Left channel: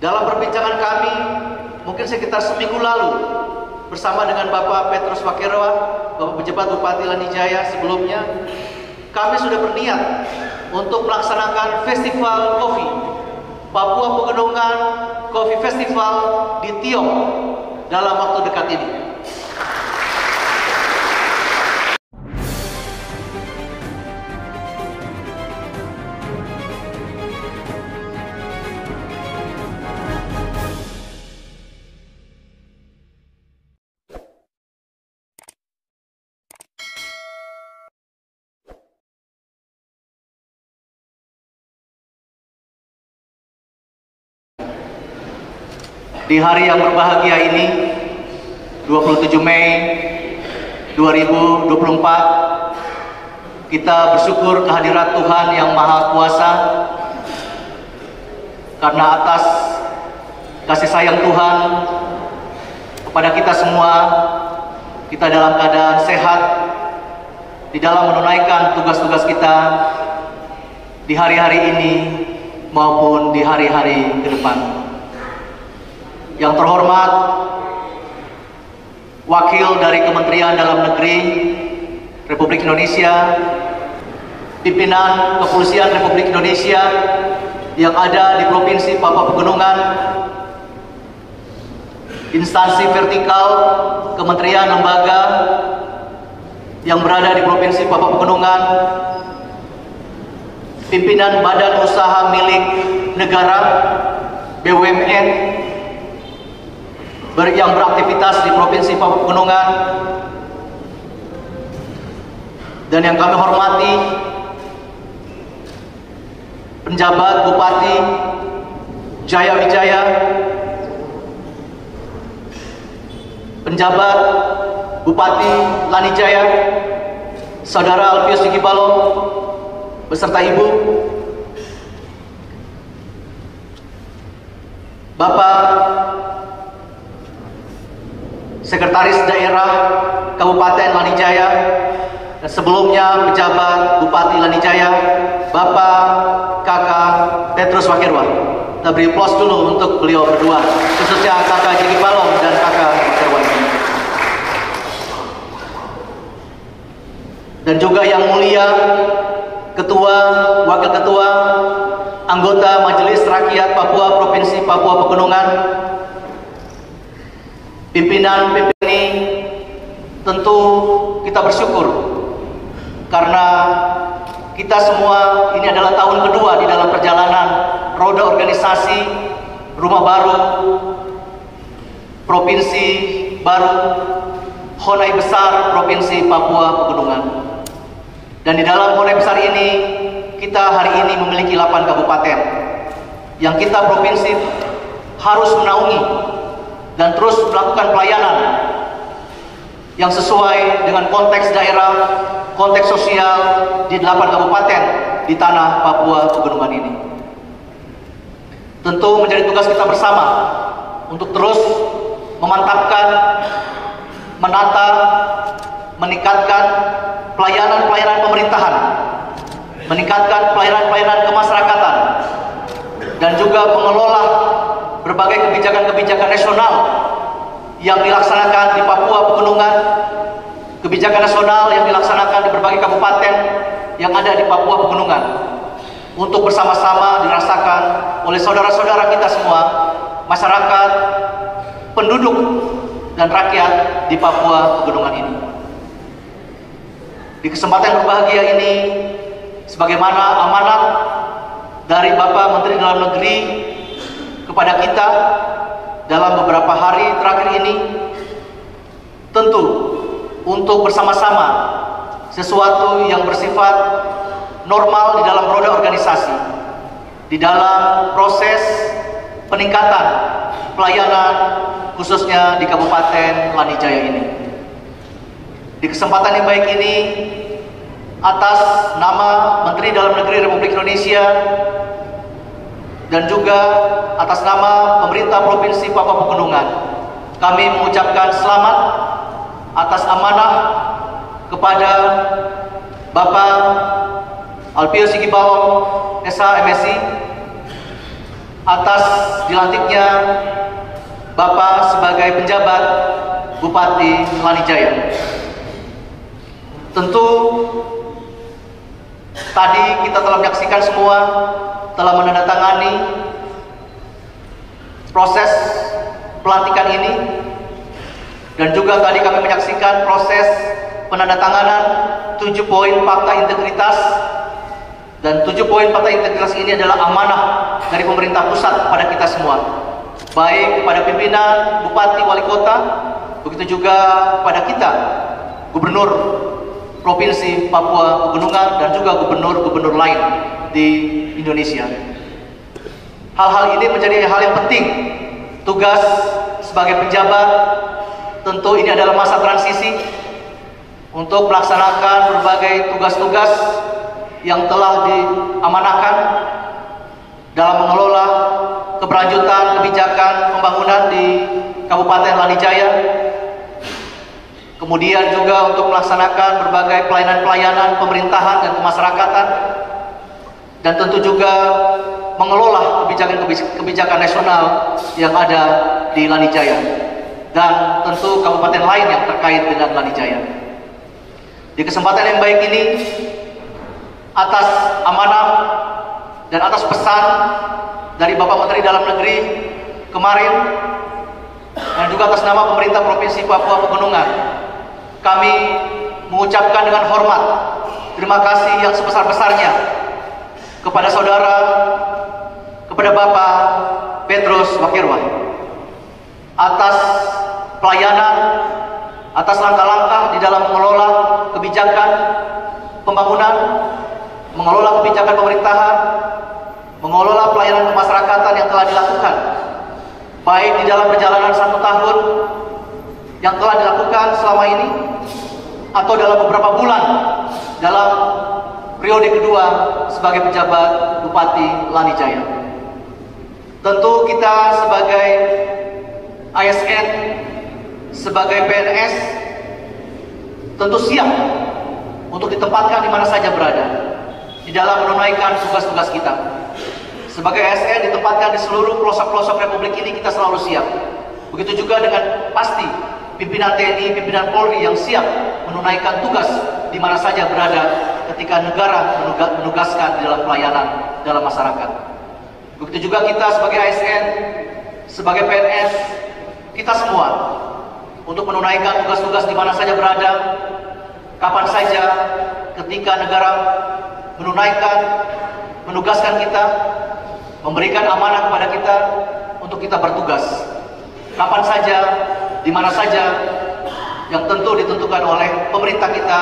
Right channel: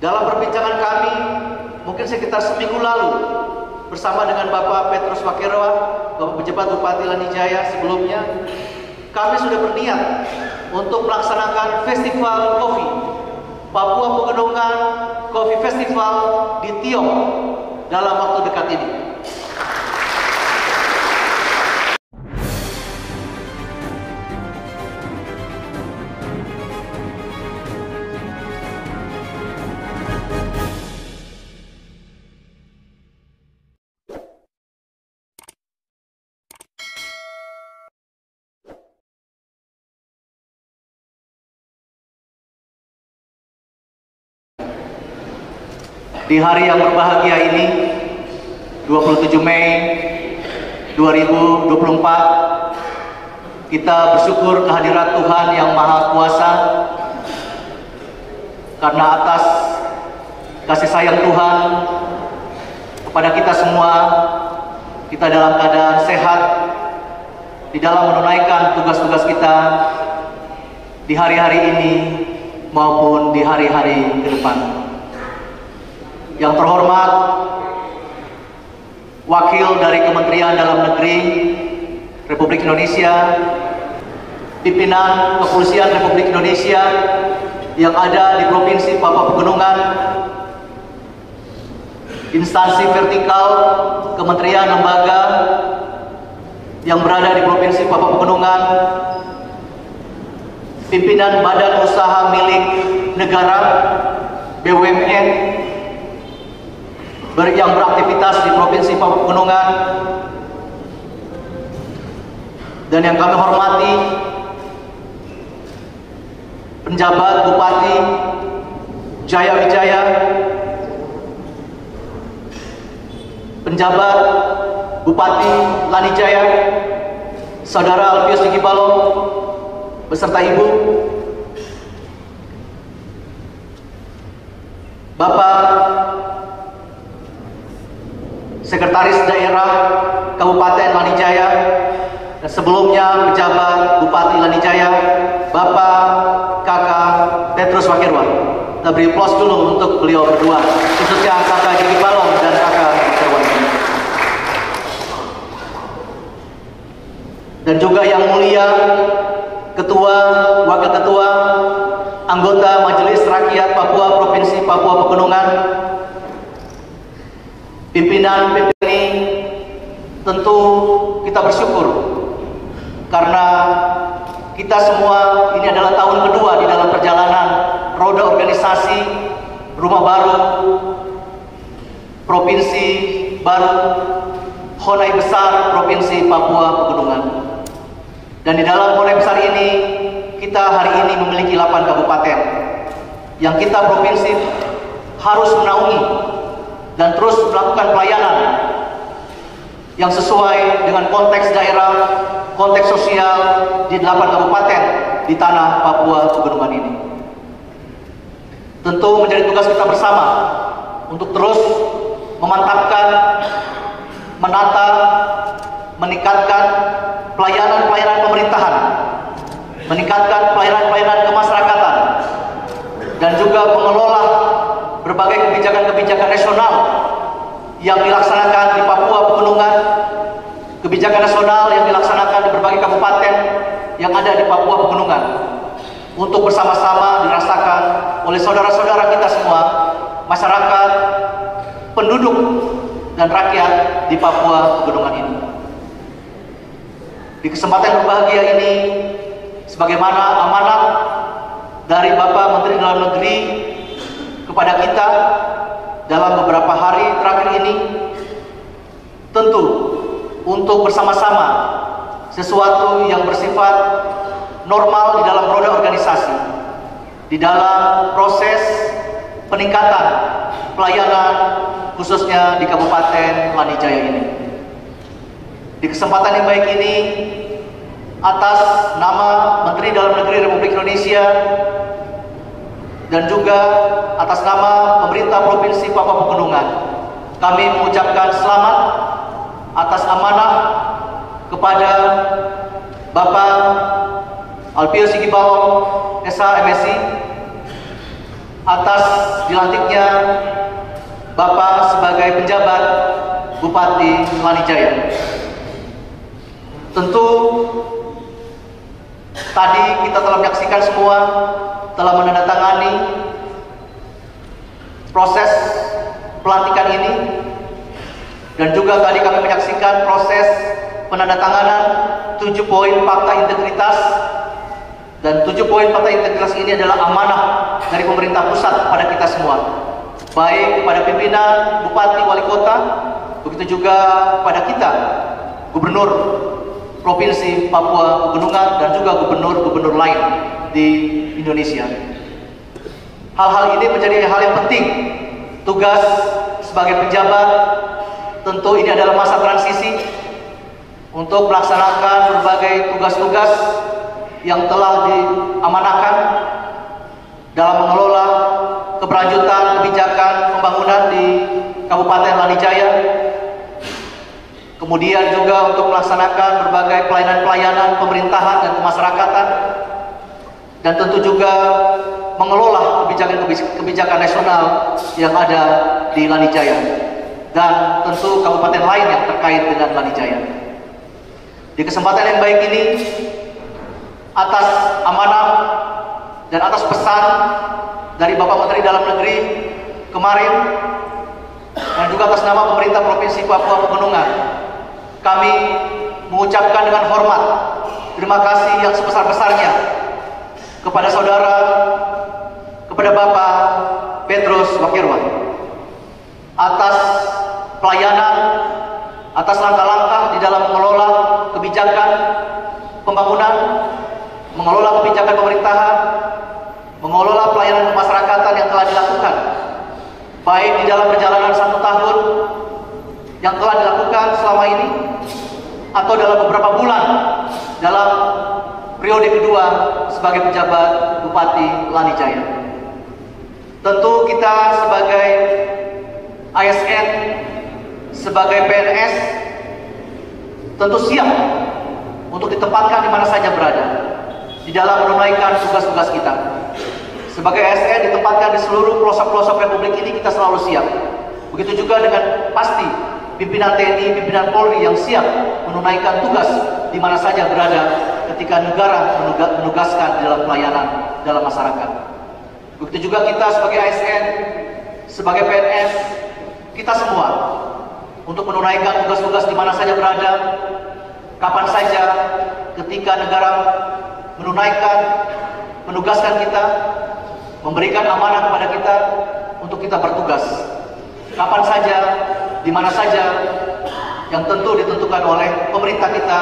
Dalam perbincangan kami, mungkin sekitar seminggu lalu, bersama dengan Bapak Petrus Wakeroa, Bapak Pejabat Bupati Lanijaya sebelumnya, kami sudah berniat untuk melaksanakan festival kopi Papua Pegunungan Coffee Festival di Tiong dalam waktu dekat ini. Di hari yang berbahagia ini, 27 Mei 2024, kita bersyukur kehadirat Tuhan yang Maha Kuasa, karena atas kasih sayang Tuhan kepada kita semua, kita dalam keadaan sehat di dalam menunaikan tugas-tugas kita di hari-hari ini maupun di hari-hari ke depan. Yang terhormat Wakil dari Kementerian Dalam Negeri Republik Indonesia, Pimpinan Kepolisian Republik Indonesia yang ada di Provinsi Papua Pegunungan, instansi vertikal kementerian lembaga yang berada di Provinsi Papua Pegunungan, pimpinan badan usaha milik negara BUMN yang beraktivitas di Provinsi Papua Pegunungan, dan yang kami hormati penjabat Bupati Jaya Wijaya, penjabat Bupati Lanijaya, Saudara Alpius Sigibalo beserta Ibu, Bapak Sekretaris Daerah Kabupaten Lanijaya, dan sebelumnya pejabat Bupati Lanijaya, Bapak Kakak Petrus Wakeroa. Nah, beri aplaus dulu untuk beliau berdua, khususnya Kakak Gigi Balong dan Kakak Wakeroa. Dan juga yang mulia Ketua, Wakil Ketua, anggota Majelis Rakyat Papua Provinsi Papua Pegunungan, pimpinan ini, tentu kita bersyukur karena kita semua ini adalah tahun kedua di dalam perjalanan roda organisasi Rumah Baru Provinsi Baru Honai Besar Provinsi Papua Pegunungan. Dan di dalam Honai Besar ini, kita hari ini memiliki 8 kabupaten yang kita provinsi harus menaungi dan terus melakukan pelayanan yang sesuai dengan konteks daerah, konteks sosial di 8 kabupaten di tanah Papua Pegunungan ini. Tentu menjadi tugas kita bersama untuk terus memantapkan, menata, meningkatkan pelayanan-pelayanan pemerintahan, meningkatkan pelayanan-pelayanan kemasyarakatan, dan juga mengelola berbagai kebijakan-kebijakan nasional yang dilaksanakan di Papua Pegunungan, kebijakan nasional yang dilaksanakan di berbagai kabupaten yang ada di Papua Pegunungan, untuk bersama-sama dirasakan oleh saudara-saudara kita semua, masyarakat, penduduk, dan rakyat di Papua Pegunungan ini. Di kesempatan berbahagia ini, sebagaimana amanat dari Bapak Menteri Dalam Negeri kepada kita dalam beberapa hari terakhir ini, tentu untuk bersama-sama sesuatu yang bersifat normal di dalam roda organisasi, di dalam proses peningkatan pelayanan khususnya di Kabupaten Lanijaya ini. Di kesempatan yang baik ini, atas nama Menteri Dalam Negeri Republik Indonesia dan juga atas nama pemerintah Provinsi Papua Pegunungan, kami mengucapkan selamat atas amanah kepada Bapak Alpius Sigibalo, SH MSI, atas dilantiknya Bapak sebagai penjabat Bupati Lanijaya. Tentu tadi kita telah menyaksikan semua, telah menandatangani proses pelantikan ini, dan juga tadi kami menyaksikan proses penandatanganan 7 poin fakta integritas. Dan 7 poin fakta integritas ini adalah amanah dari pemerintah pusat kepada kita semua, baik kepada pimpinan, bupati, wali kota, begitu juga pada kita, gubernur Provinsi Papua Pegunungan, dan juga gubernur-gubernur lain di Indonesia. Hal-hal ini menjadi hal yang penting. Tugas sebagai pejabat, tentu ini adalah masa transisi untuk melaksanakan berbagai tugas-tugas yang telah diamanahkan dalam mengelola keberlanjutan kebijakan pembangunan di Kabupaten Lanijaya, kemudian juga untuk melaksanakan berbagai pelayanan-pelayanan pemerintahan dan kemasyarakatan, dan tentu juga mengelola kebijakan nasional yang ada di Lanijaya dan tentu kabupaten lain yang terkait dengan Lanijaya. Di kesempatan yang baik ini, atas amanah dan atas pesan dari Bapak Menteri Dalam Negeri kemarin, dan juga atas nama pemerintah Provinsi Papua Pegunungan, kami mengucapkan dengan hormat terima kasih yang sebesar-besarnya kepada saudara, kepada Bapak Petrus Wakirwan atas pelayanan, atas langkah-langkah di dalam mengelola kebijakan pembangunan, mengelola kebijakan pemerintahan, mengelola pelayanan kemasyarakatan yang telah dilakukan, baik di dalam perjalanan 1 tahun yang telah dilakukan selama ini, atau dalam beberapa bulan dalam periode kedua sebagai penjabat Bupati Lanijaya. Tentu kita sebagai ASN, sebagai PNS, tentu siap untuk ditempatkan di mana saja berada di dalam menunaikan tugas-tugas kita. Sebagai ASN ditempatkan di seluruh pelosok-pelosok Republik ini, kita selalu siap. Begitu juga dengan pasti pimpinan TNI, pimpinan Polri yang siap menunaikan tugas di mana saja berada ketika negara menugaskan dalam pelayanan dalam masyarakat. Begitu juga kita sebagai ASN, sebagai PNS, kita semua untuk menunaikan tugas-tugas di mana saja berada, kapan saja, ketika negara menugaskan kita, memberikan amanah kepada kita untuk kita bertugas. Kapan saja, di mana saja, yang tentu ditentukan oleh pemerintah kita,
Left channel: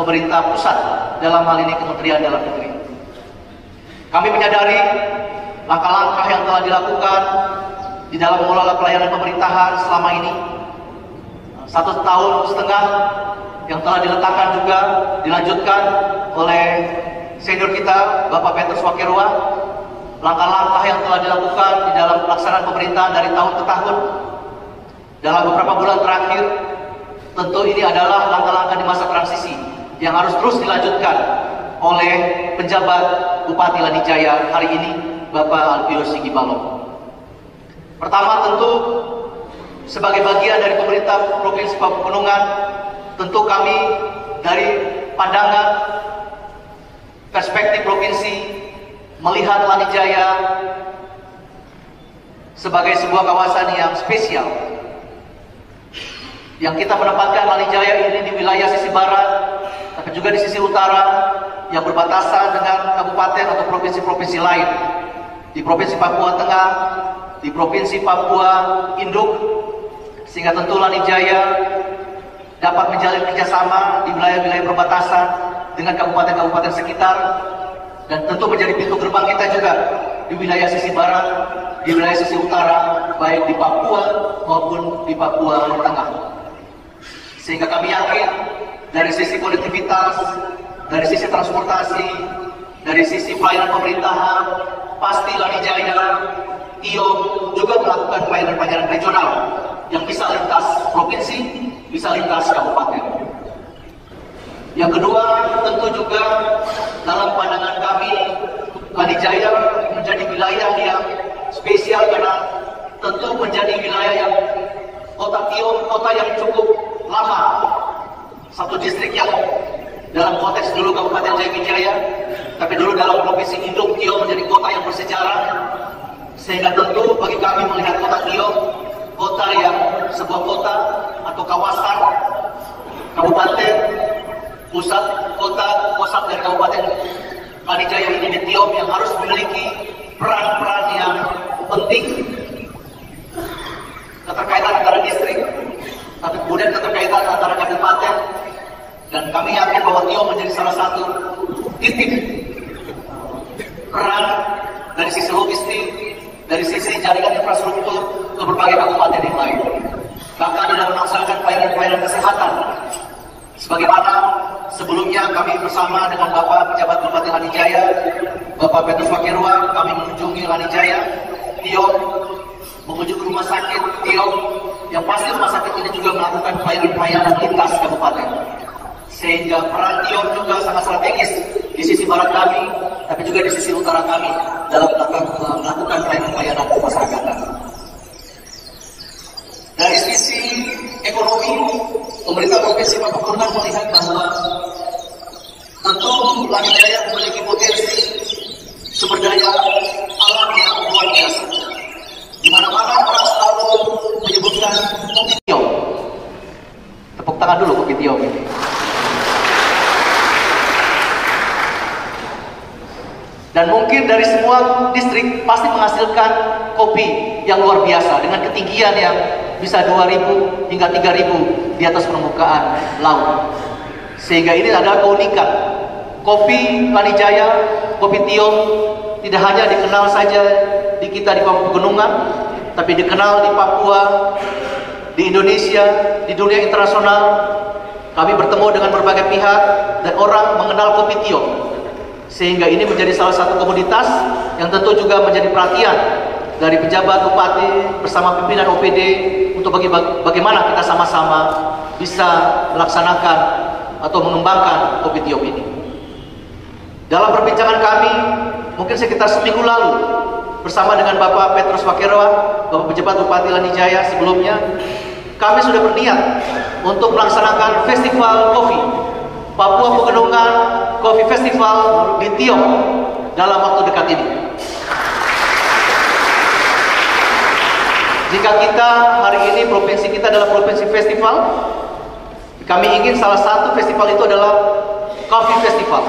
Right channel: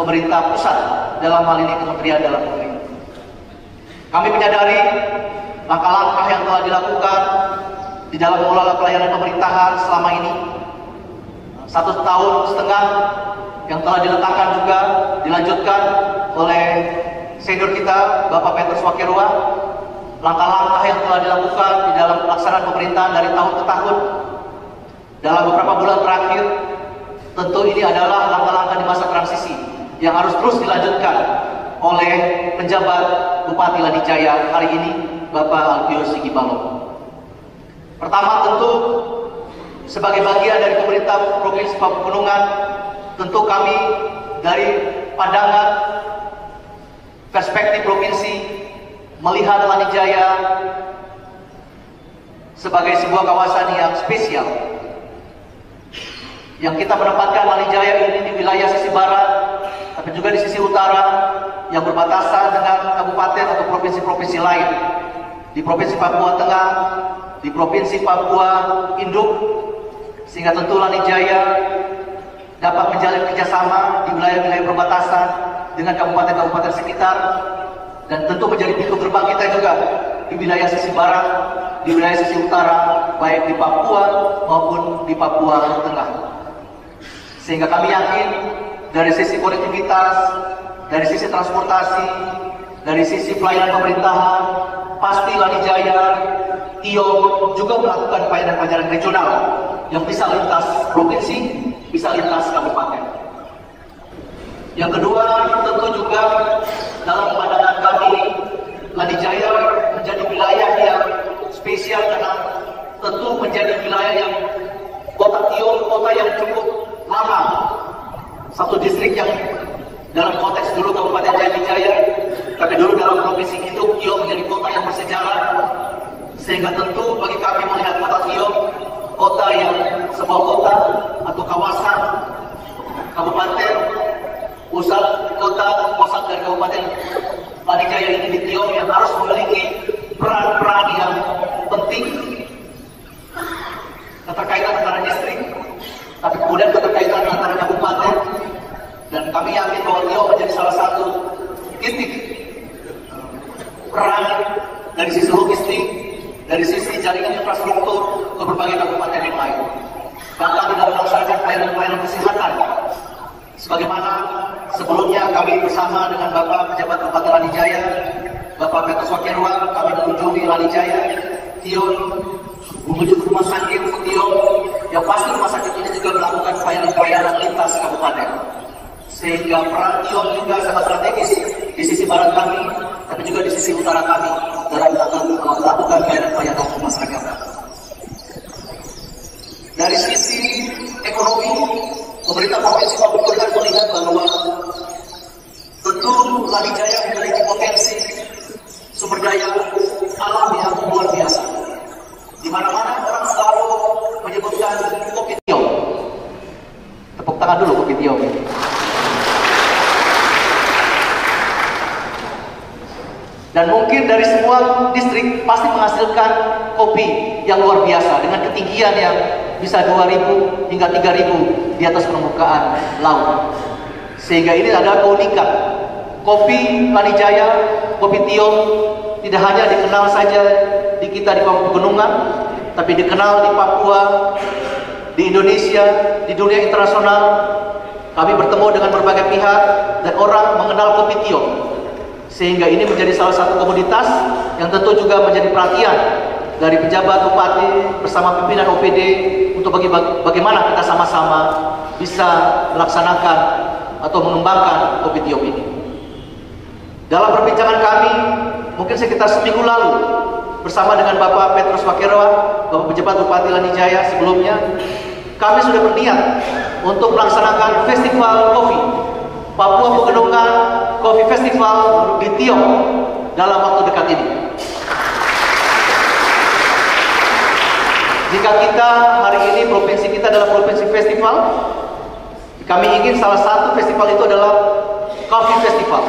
pemerintah pusat, dalam hal ini Kementerian Dalam Negeri. Kami menyadari langkah-langkah yang telah dilakukan di dalam mengelola pelayanan pemerintahan selama ini, 1,5 tahun yang telah diletakkan juga, dilanjutkan oleh senior kita, Bapak Petrus Wakirwan. Langkah-langkah yang telah dilakukan di dalam pelaksanaan pemerintahan dari tahun ke tahun, dalam beberapa bulan terakhir, tentu ini adalah langkah-langkah di masa transisi yang harus terus dilanjutkan oleh penjabat Bupati Lanijaya hari ini, Bapak Alpius Sikibalon. Pertama, tentu sebagai bagian dari pemerintah Provinsi Papua Pegunungan, tentu kami dari pandangan perspektif provinsi melihat Lanijaya sebagai sebuah kawasan yang spesial, yang kita menempatkan Lanijaya ini di wilayah sisi barat, tapi juga di sisi utara yang berbatasan dengan kabupaten atau provinsi-provinsi lain, di Provinsi Papua Tengah, di Provinsi Papua Induk, sehingga tentu Lanijaya dapat menjalin kerjasama di wilayah-wilayah perbatasan dengan kabupaten-kabupaten sekitar, dan tentu menjadi pintu gerbang kita juga di wilayah sisi barat, di wilayah sisi utara, baik di Papua maupun di Papua Tengah. Sehingga kami yakin dari sisi konektivitas, dari sisi transportasi, dari sisi pelayanan pemerintahan, pasti Lanijaya, TIO juga melakukan pelayanan-pelayanan regional yang bisa lintas provinsi, bisa lintas kabupaten. Yang kedua, tentu juga dalam pandangan kami, Lanijaya menjadi wilayah yang spesial karena tentu menjadi wilayah yang kota Tio, kota yang cukup lama, satu distrik yang dalam konteks dulu Kabupaten Jaya, tapi dulu dalam Provinsi Induk, Tio menjadi kota yang bersejarah, sehingga tentu bagi kami melihat kota Tio, kota yang sebuah kota atau kawasan kabupaten pusat dari Kabupaten Lanijaya ini di Tio yang harus memiliki peran-peran yang penting, keterkaitan antara distrik, tapi kemudian keterkaitan antara kabupaten, dan kami yakin bahwa Tio menjadi salah satu titik peran dari sisi logistik, dari sisi jaringan infrastruktur ke berbagai kabupaten yang lain. Bahkan dalam melaksanakan pelayanan kesehatan, sebagaimana sebelumnya kami bersama dengan Bapak Pejabat Bupati Lanijaya, Bapak Petrus Wakirwa, kami mengunjungi Lanijaya, Tio, mengunjungi rumah sakit Tio, yang pasti rumah sakit ini juga melakukan pelayanan lintas kabupaten. Sehingga peran Tio juga sangat strategis di sisi barat kami, tapi juga di sisi utara kami dalam melakukan pelayanan pemasarakatan. Dari sisi ekonomi, pemerintah Provinsi Papua Pegunungan melihat bahwa tentu Lanijaya memiliki potensi sumber daya alam yang luar biasa. Di mana-mana orang selalu menyebutkan Kopi Tio. Tepuk tangan dulu Kopi Tio. Dan mungkin dari semua distrik pasti menghasilkan kopi yang luar biasa dengan ketinggian yang bisa 2.000 hingga 3.000 di atas permukaan laut. Sehingga ini adalah keunikan. Kopi Lanijaya, Kopi Tio tidak hanya dikenal saja di kita di Papua Pegunungan, tapi dikenal di Papua, di Indonesia, di dunia internasional. Kami bertemu dengan berbagai pihak dan orang mengenal Kopi Tio. Sehingga ini menjadi salah satu komoditas yang tentu juga menjadi perhatian dari pejabat bupati bersama pimpinan OPD untuk bagaimana kita sama-sama bisa melaksanakan atau mengembangkan Kopi Tio ini. Dalam perbincangan kami, mungkin sekitar seminggu lalu, bersama dengan Bapak Petrus Wakirwa, Bapak Pejabat Bupati Lanijaya sebelumnya, kami sudah berniat untuk melaksanakan festival kopi Papua Pegunungan Coffee Festival di Tio dalam waktu dekat ini. Jika kita hari ini provinsi kita adalah provinsi festival, kami ingin salah satu festival itu adalah Coffee Festival.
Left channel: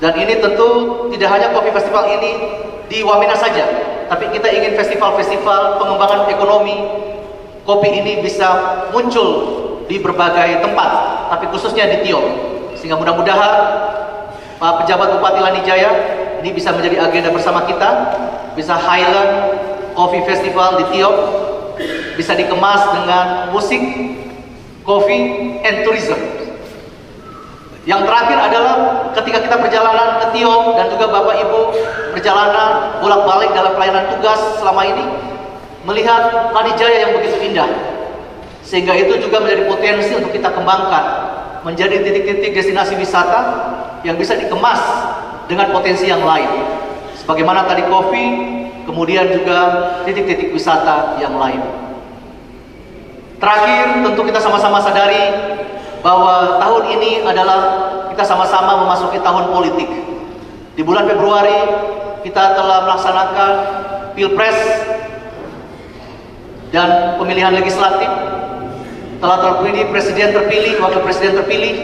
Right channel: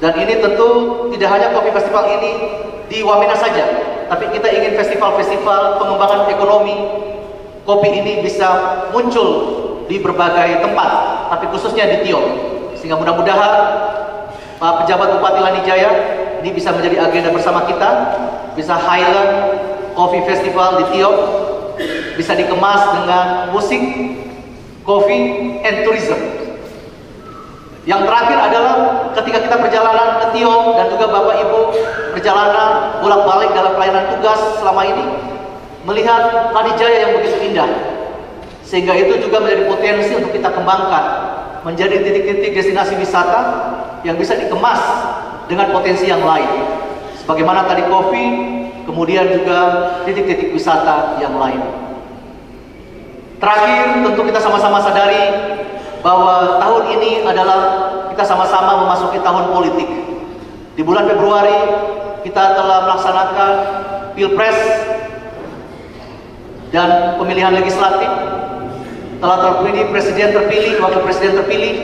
Dan ini tentu tidak hanya Coffee Festival ini di Wamena saja, tapi kita ingin festival-festival pengembangan ekonomi kopi ini bisa muncul di berbagai tempat, tapi khususnya di Tio. Sehingga mudah-mudahan pejabat Bupati Lanijaya ini bisa menjadi agenda bersama kita, bisa highlight Coffee Festival di Tio, bisa dikemas dengan musik, coffee, and tourism. Yang terakhir adalah ketika kita perjalanan ke Tio dan juga Bapak Ibu perjalanan bolak-balik dalam pelayanan tugas selama ini, melihat Lanijaya yang begitu indah. Sehingga itu juga menjadi potensi untuk kita kembangkan menjadi titik-titik destinasi wisata yang bisa dikemas dengan potensi yang lain. Sebagaimana tadi kopi, kemudian juga titik-titik wisata yang lain. Terakhir, tentu kita sama-sama sadari bahwa tahun ini adalah kita sama-sama memasuki tahun politik. Di bulan Februari kita telah melaksanakan Pilpres dan pemilihan legislatif. Telah terpilih presiden terpilih, wakil presiden terpilih,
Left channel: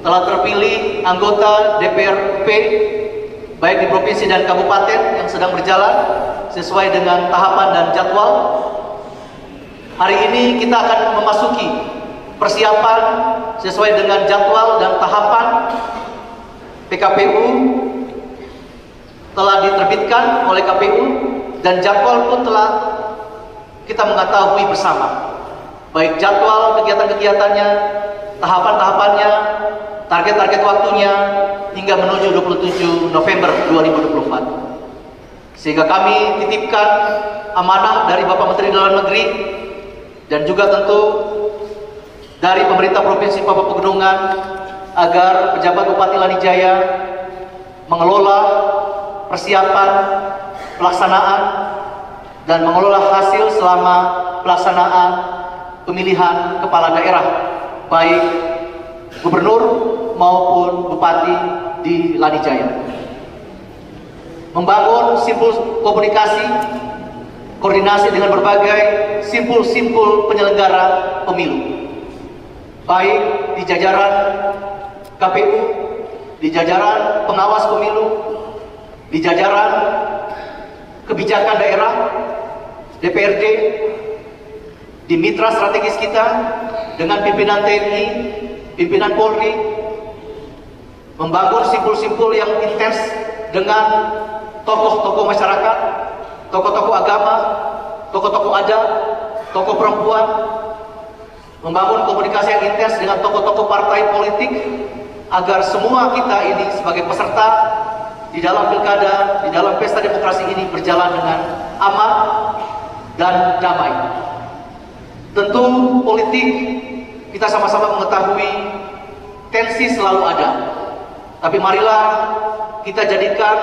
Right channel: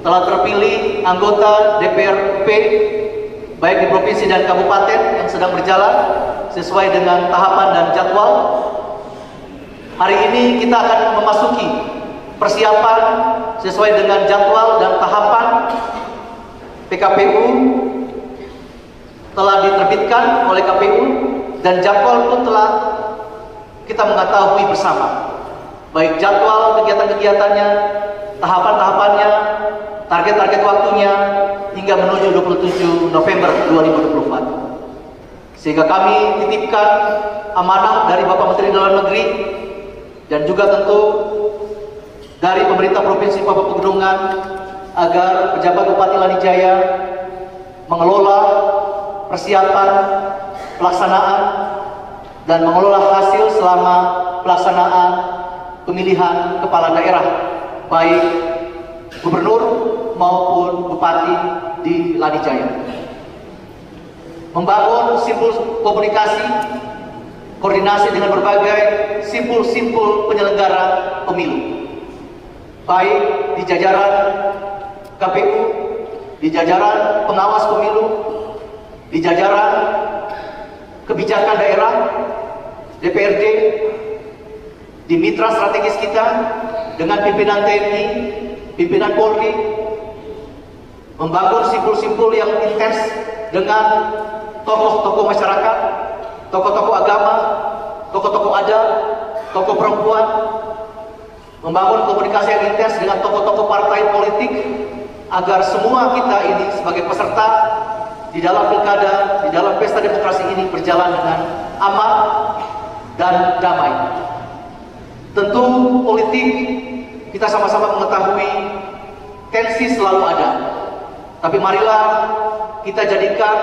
telah terpilih anggota DPRP baik di provinsi dan kabupaten yang sedang berjalan sesuai dengan tahapan dan jadwal. Hari ini kita akan memasuki persiapan sesuai dengan jadwal dan tahapan. PKPU telah diterbitkan oleh KPU dan jadwal pun telah kita mengetahui bersama. Baik jadwal kegiatan-kegiatannya, tahapan-tahapannya, target-target waktunya, hingga menuju 27 November 2024. Sehingga kami titipkan amanah dari Bapak Menteri Dalam Negeri dan juga tentu dari pemerintah Provinsi Papua Pegunungan agar pejabat Bupati Lanijaya mengelola persiapan pelaksanaan dan mengelola hasil selama pelaksanaan pemilihan kepala daerah, baik gubernur maupun bupati di Lanijaya. Membangun simpul komunikasi, koordinasi dengan berbagai simpul-simpul penyelenggara pemilu, baik di jajaran KPU, di jajaran pengawas pemilu, di jajaran kebijakan daerah, DPRD, di mitra strategis kita dengan pimpinan TNI, pimpinan Polri, membangun simpul-simpul yang intens dengan tokoh-tokoh masyarakat, tokoh-tokoh agama, tokoh-tokoh adat, tokoh perempuan, membangun komunikasi yang intens dengan tokoh-tokoh partai politik agar semua kita ini sebagai peserta di dalam pilkada, di dalam pesta demokrasi ini berjalan dengan aman dan damai. Tentu politik kita sama-sama mengetahui tensi selalu ada. Tapi marilah kita jadikan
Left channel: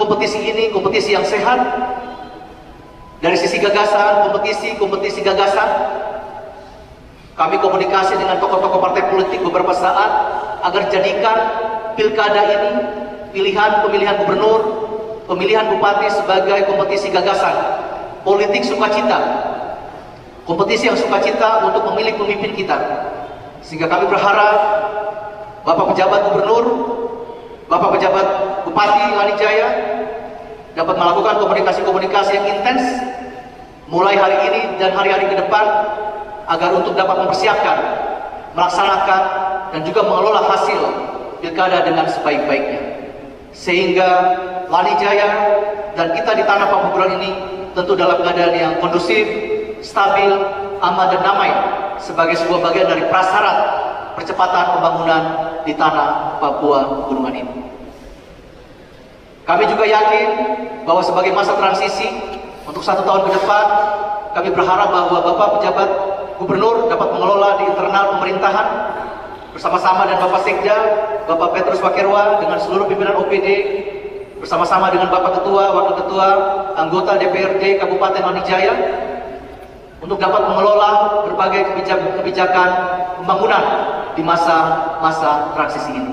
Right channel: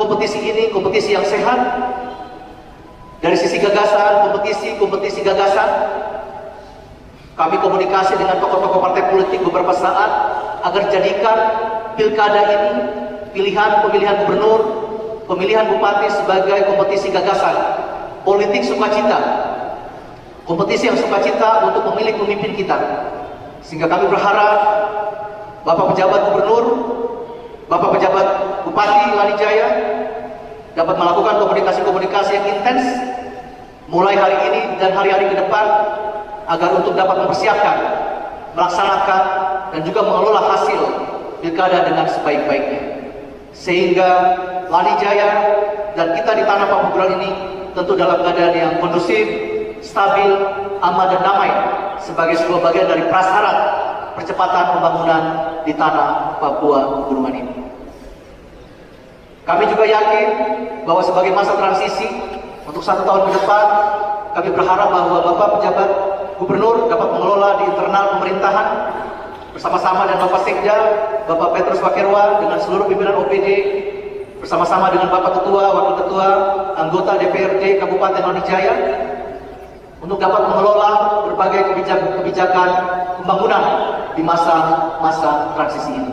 kompetisi ini kompetisi yang sehat. Dari sisi gagasan, kompetisi gagasan. Kami komunikasi dengan tokoh-tokoh partai politik beberapa saat agar jadikan pilkada ini, pemilihan gubernur, pemilihan bupati sebagai kompetisi gagasan, politik sukacita, kompetisi yang sukacita untuk memilih pemimpin kita. Sehingga kami berharap Bapak pejabat gubernur, Bapak pejabat bupati Lanijaya dapat melakukan komunikasi-komunikasi yang intens mulai hari ini dan hari-hari ke depan agar untuk dapat mempersiapkan, melaksanakan, dan juga mengelola hasil pilkada dengan sebaik-baiknya. Sehingga Lanijaya dan kita di tanah Pamukuran ini tentu dalam keadaan yang kondusif, stabil, aman dan damai sebagai sebuah bagian dari prasyarat percepatan pembangunan di tanah Papua Pegunungan ini. Kami juga yakin bahwa sebagai masa transisi untuk 1 tahun ke depan, kami berharap bahwa Bapak pejabat gubernur dapat mengelola di internal pemerintahan bersama-sama dengan Bapak Sekda, Bapak Petrus Wakirwa dengan seluruh pimpinan OPD, bersama-sama dengan Bapak Ketua, Wakil Ketua, anggota DPRD Kabupaten Lanijaya, untuk dapat mengelola berbagai kebijakan pembangunan di masa transisi ini.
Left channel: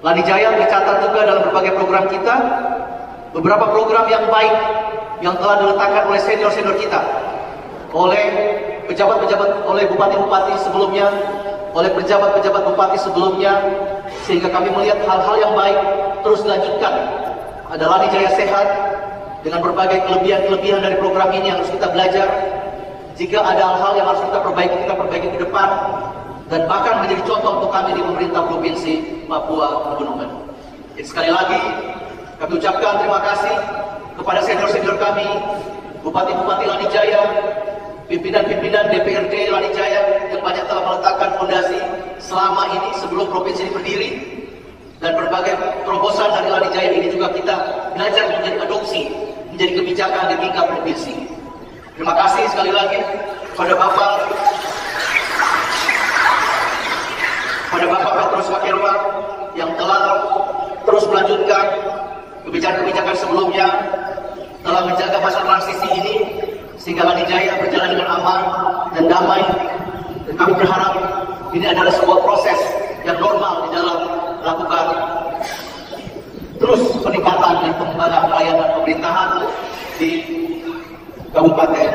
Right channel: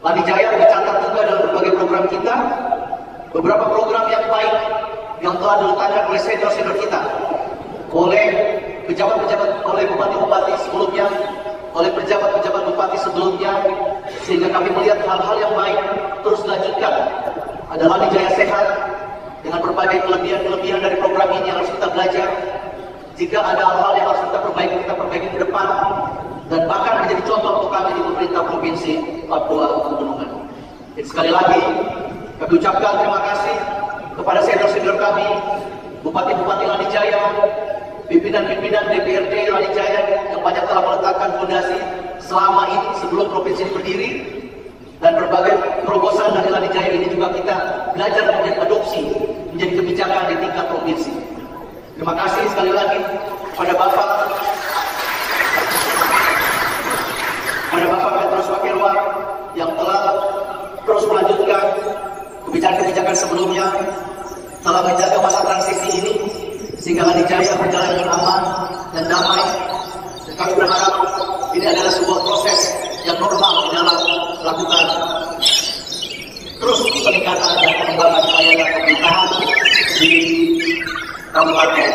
Lanijaya tercatat juga dalam berbagai program kita, beberapa program yang baik yang telah diletakkan oleh senior-senior kita, oleh pejabat-pejabat, oleh bupati-bupati sebelumnya, oleh pejabat-pejabat bupati sebelumnya, sehingga kami melihat hal-hal yang baik terus dilanjutkan. Ada Lanijaya sehat dengan berbagai kelebihan-kelebihan dari program ini yang harus kita belajar. Jika ada hal-hal yang harus kita perbaiki ke depan, dan bahkan menjadi contoh untuk kami di pemerintah Provinsi Papua Pegunungan. Jadi sekali lagi, kami ucapkan terima kasih kepada senior-senior kami, Bupati-Bupati Lanijaya, pimpinan-pimpinan DPRD Lanijaya yang banyak telah meletakkan fondasi selama ini sebelum provinsi ini berdiri, dan berbagai terobosan dari Lanijaya ini juga kita belajar menjadi adopsi, menjadi kebijakan di tingkat provinsi. Terima kasih sekali lagi kepada Bapak Petrus Wakirwa yang telah terus melanjutkan kebijakan-kebijakan sebelumnya, telah menjaga masa transisi ini sehingga Lanijaya berjalan dengan aman dan damai. Dan kami berharap ini adalah sebuah proses yang normal di dalam melakukan terus peningkatan dan pengembangan layanan pemerintahan di Kabupaten